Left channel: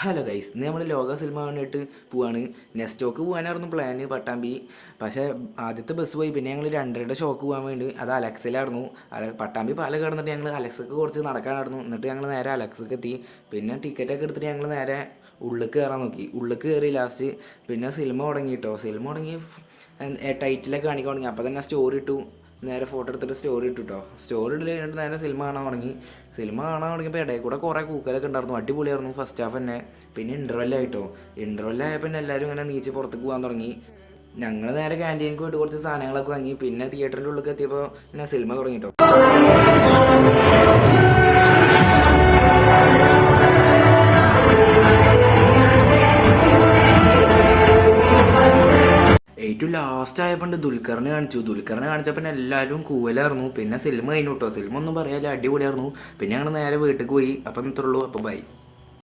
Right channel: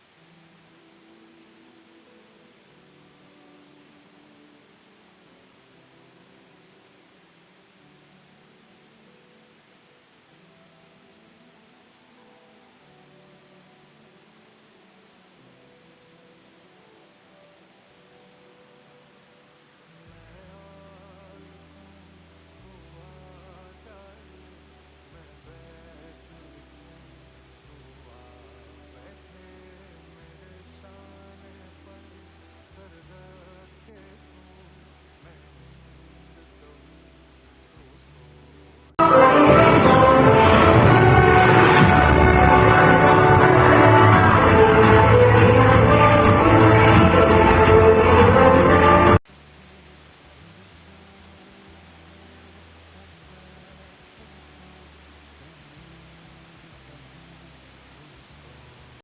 Hello guys, ഇന്ന് നമ്മൾ ലോക സിനിമ കണ്ടിട്ട് പോവാണ്. നെക്സ്റ്റോക്ക് പോകാനായിരുന്നു പ്ലാന് പട്ടാമ്പി. പക്ഷേ ആദ്യത്തെ ബസ് പോയി. പിന്നെ ഞങ്ങൾ രണ്ടരയുടെ ഷോക്ക് പോകാൻ വേണ്ടി അത് അലക്സിലായിരുന്നു. പട്ടാമ്പി പാലം കിടന്നിട്ട് ഞങ്ങൾ അലക്സക്ക് കുറച്ച് നടക്കാനായിരുന്നു. എന്നിട്ട് ഞങ്ങൾ നേരെ അലക്സക്ക് എത്തി. പിന്നെ ടിക്കറ്റൊക്കെ എടുത്തിട്ട് ഞങ്ങൾ നേരെ ഉള്ളിൽ കയറാൻ നോക്കി. ഉള്ളിൽ കയറി ലാസ്റ്റ് പിന്നെ സിനിമ തുടങ്ങി കേട്ടോ. സിനിമ തുടങ്ങി ടൈറ്റിലൊക്കെ കാണിക്കാൻ തുടങ്ങി. അപ്പോൾ തന്നെ സ്റ്റോറി ഇട്ടു. നേരെ ഫോട്ടോ എടുത്തിട്ട് സ്റ്റോറി ഇട്ടു കേട്ടോ. സ്റ്റോറി ഇട്ട് കഴിഞ്ഞിട്ട് നേരെ സിനിമ കാണാൻ തുടങ്ങി. സിനിമ കാണാൻ തുടങ്ങിയപ്പോൾ ഇടയിൽ കൂടെ കുറേ കൂക്കലൊക്കെ ഉണ്ടായിരുന്നു. അടിപൊളിയായിരുന്നു ഫസ്റ്റ് ഹാഫ് തന്നെ. പിന്നെ ഇൻ്റർവെല്ലായിട്ടോ. ഇൻ്റർവെല്ലായപ്പോൾ പിന്നെ എല്ലാവരും ഇങ്ങനെ നീച്ച് പുറത്തേക്ക് പോകാൻ തുടങ്ങി. ഞങ്ങൾ നേരെ ക്യാൻറ്റീനിക്ക് പോയിട്ട് കുറച്ച് സാധനങ്ങളൊക്കെ വാങ്ങി. പിന്നെ തിയേറ്ററിൻ്റെ ഉള്ളിൽ എത്തിയപ്പോൾ പിന്നെ സിനിമ തുടങ്ങിട്ടോ. ഏറ്റവും ലാസ്റ്റ് ആയപ്പോൾ ദുൽഖറിനെ കാണിച്ചു. ദുൽഖറിനെ കാണിച്ചപ്പോൾ പിന്നെ എല്ലാവരും കൂവലായിരുന്നു. പിന്നെ സിനിമ കഴിഞ്ഞു കേട്ടോ. സിനിമ ഒന്നും പറയാല്ല, അടിപൊളിയായിരുന്നു. പിന്നെ ഞങ്ങൾ നേരെ വീട്ടിൽ പോയി. അപ്പം ഇത്രയുള്ളൂ. അപ്പോൾ ബൈ.